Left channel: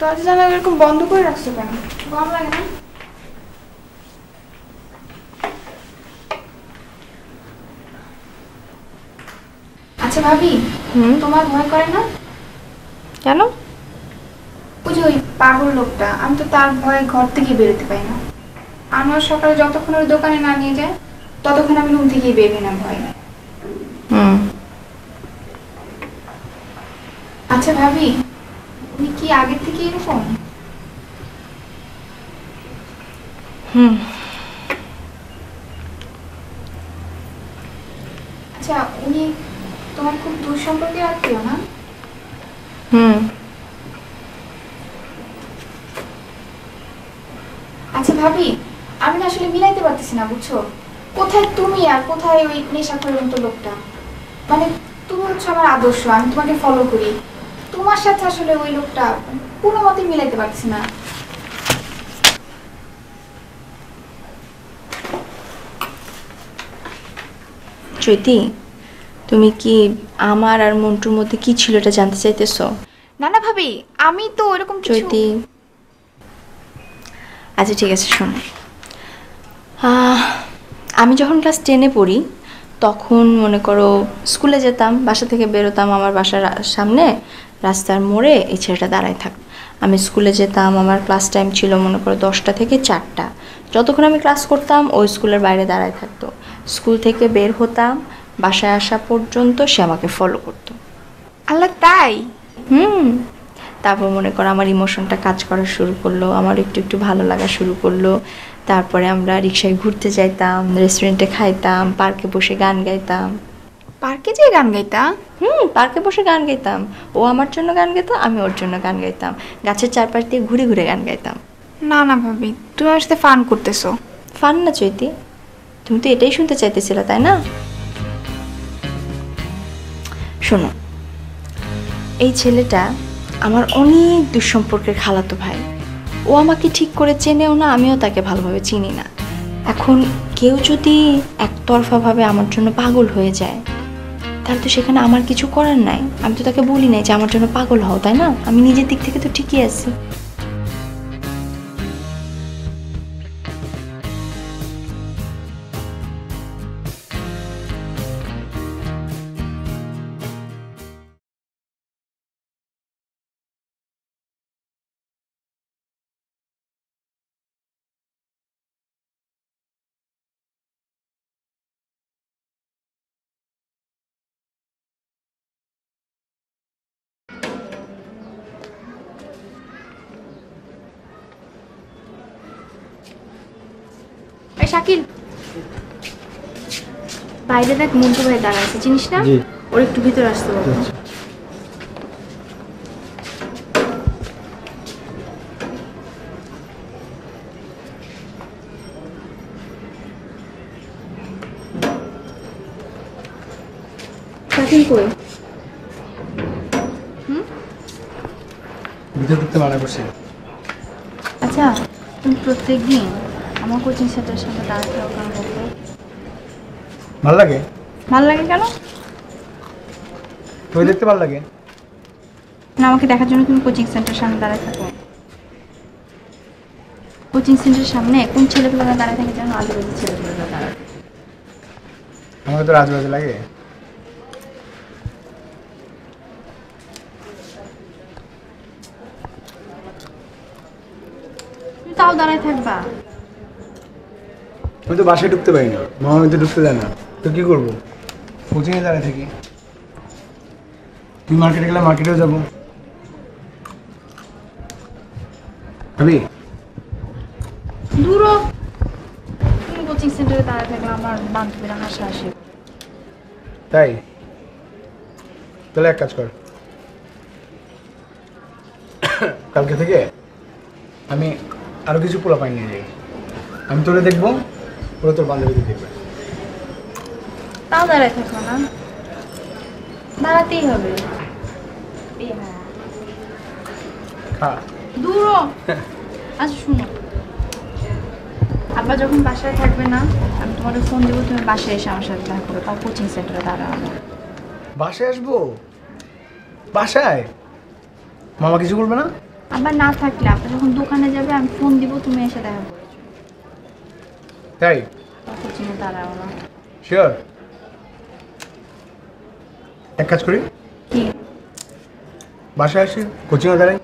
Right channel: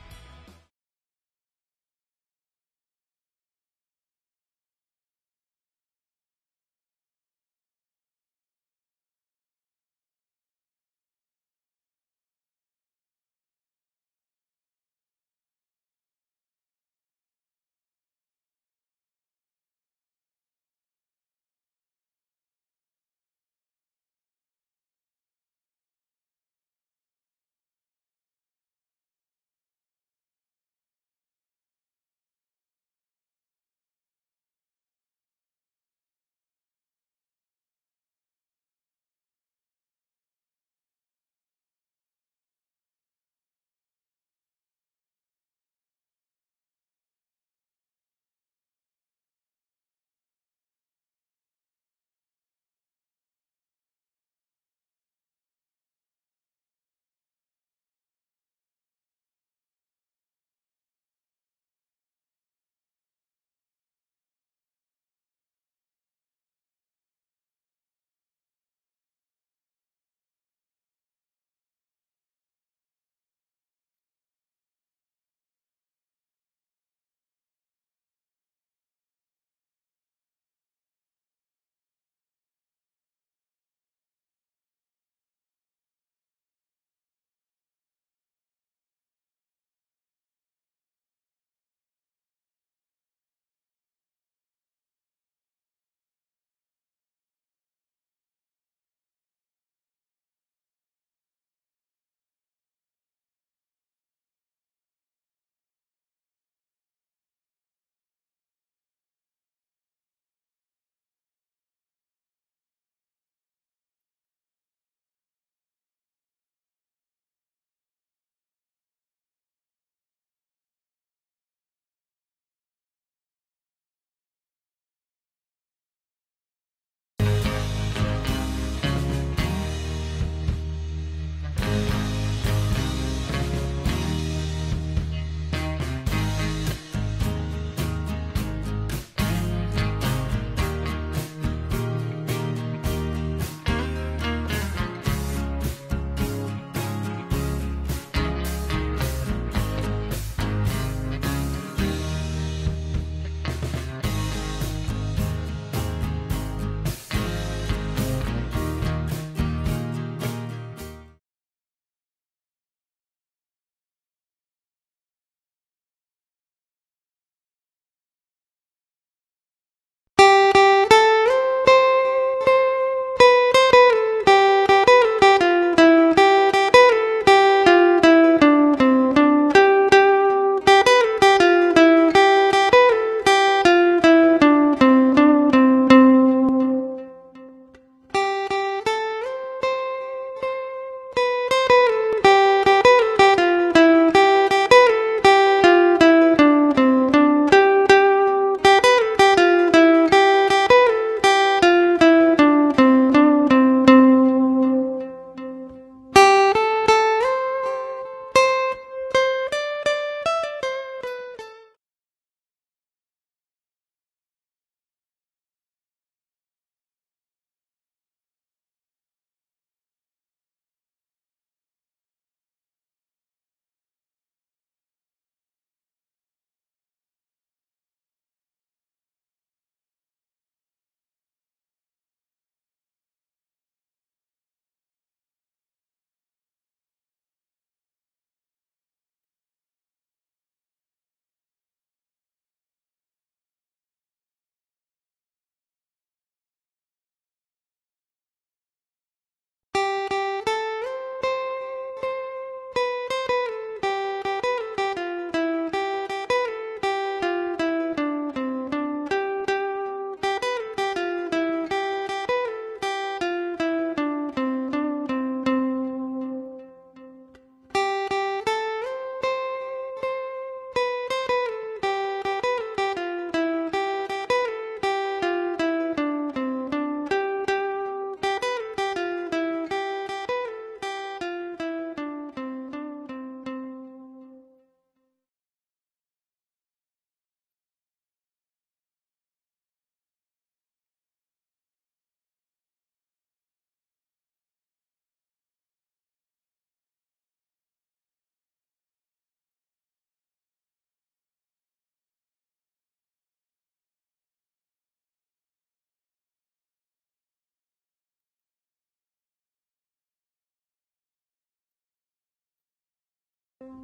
দরজা জানালা এরকম বন্ধ করে রাখছো কেন? গরম লাগে না? আচ্ছা ভাবি, তোমার ভয় করে না? কেন? ওই যে ওই পাগল লোকটা, আমি তো তার ভয়ে ঘর থেকে বেরোতে পারি না। আমার সকালে যতক্ষণ ওই দোকানে না নিয়ে যায় ততক্ষণ আমি রুম থেকেই বের হই না ভয়। আচ্ছা ভাবি, উনি কি আগের থেকে এরকম? আচ্ছা উনি তোমার খুব দূর সম্পর্কের আত্মীয় না? আচ্ছা ভাবি, আমি না আসলে মিলাইতে পারতেছি না, বুঝছো? কোথায় তুমি আর কোথায় ওই নেশাখোরের মতো লোকটা? মানে তুমি হচ্ছে আমার আদর্শ, আমি তোমাকে ফলো করি, তোমার সাথে আসলে ওই লোকটা কোনো মতে মিলাইতে পারছি না। চৈতি, তুমি কি আমার আর মন্টুর মধ্যে কি ছিল এটা জানতে চাইতেছো? না না ভাবি, আমি তো ওরকম কিছু। চৈতি, আচ্ছা ঠিক আছে, শোনো। আমি যখন ক্লাস 10-এ পড়ি তখন মনে করো স্কুলে যেতাম, বাসা থেকে বেরোতাম, আমার বাসার সামনে রাস্তার মোড়ে এই ছেলেটা দাঁড়ায় থাক। আমি স্কুলে যেতাম, আমার ক্লাস টাইম ছিল মনে করো 10টা থেকে 4টা। যতক্ষণ আমি ক্লাস করতাম ওই স্কুলের বাইরে দাঁড়ায় থাকতো। স্কুল থেকে বের হতাম, বাসায় আসা পর্যন্ত সে আমাকে ফলো করতো। আল্লাহ, তাই? তারপর মনে করো আমার ইমোশনটা কাজ করা শুরু করলো, আমার একটু একটু ভালো লাগা শুরু করলো। তারপরে আমরা রিক্সায় ঘুরতে যাইতাম, রেস্টুরেন্টে খাইতাম, পার্কে বসে গান গাইতাম। পার্কে যেয়ে গান গাইতা? পার্কে বসে গান গাইতাম। ও আমার জন্য গান গাইতো, আমি ওর জন্য গান গাইতাম। গাছের চারপাশ দিয়ে ঘুরে ঘুরে গান গাইতাম। না না ভাবি, তুমি আমার সাথে ফান করতেছো। ফান না চৈতি, তুমি তো এটাই শুনতে চাইতেছিলে তাই না? শোনো, এই ছেলেটা আমার অনেক দুঃসম্পর্কের খালাতো ভাই। ও আমাকে ঠিক করে চেনেও না, আমিও তাকে ভালোভাবে চিনি না। এখন কেউ যদি একতরফাভাবে আমার জন্য পাগল হয়ে যায় তাহলে তো সেখানে আমার কিছু করার নাই। আমি তো তাকে বলি নাই যে আমার জন্য পাগল হও, তাই না? আমি নিজের দিক থেকে তো ঠিকই আছি। শাকিল, বাইরে দেখ মন্টু ভাই দাঁড়ায় আছে, চিনিস না? ওর একটু ভিতরে আসতে বলো। শাকিল কই? আচ্ছা, তুমি প্রত্যেকদিন আমার কোচিং সেন্টারের সামনে দাঁড়াতে থাকো কেন বলতো? ভালো লাগে? ভালো লাগে কেন? তুমি দেখতে ভালো লাগে না, আমাকে দেখার জন্য তুমি কোচিং সেন্টারের সামনে দাঁড়ায় থাকো। কোচিং সেন্টারের সামনে কোন ছেলেগুলোরা দাঁড়ায় থাকে জানো? আজেবাজে ছেলেগুলোরা দাঁড়ায়। আমাকে তো রাজবাজে লাগে। তুমি তাও দাঁড়ায় থাকবা? আমি তো বাসায় ঢুকতে পারি না, মামা তো ঢুকতে দেয় না, তো কি করবো? কোচিংয়ে দাঁড়ায় থাকি। তুমি মার্কেটে গেলে মার্কেটেও যাবো। ভাবি দূরও, তুমি কোচিং সেন্টারে দাঁড়ায় থাকলে আমার বান্ধবীরা হাসাহাসি। তাই? তাহলে এক কাজ কর, কালকে থেকে আমি আরো কিছু পোলাপাইন নিয়ে যাই। আমি তোরে দেখবো, ওরা তোর বান্ধবী দেখবে। তাও দাঁড়ায় থাকো না, দাঁড়াতেই হবে। হ্যাঁ দূরও। আচ্ছা শুনো, আব্বা যখন বাসায় থাকবে না, আমি তোমাকে ফোন দেবো, তুমি বাসায় এসে আমার সাথে দেখা করো, তাও কোচিং সেন্টারে দাঁড়ানো। বাসায় আসবো? বাসায়? মামা কিছু বলবে না? আবার না থাকলে আপনি যখন দোকানে যাবে আমি ফোন দিব, তুমি এসে দেখা করে তাই কোচিংয়ে দাঁড়াও না। শিওর? এক কাজ করি, কি? বাসায় আসি, কোচিংয়ে দাঁড়াই।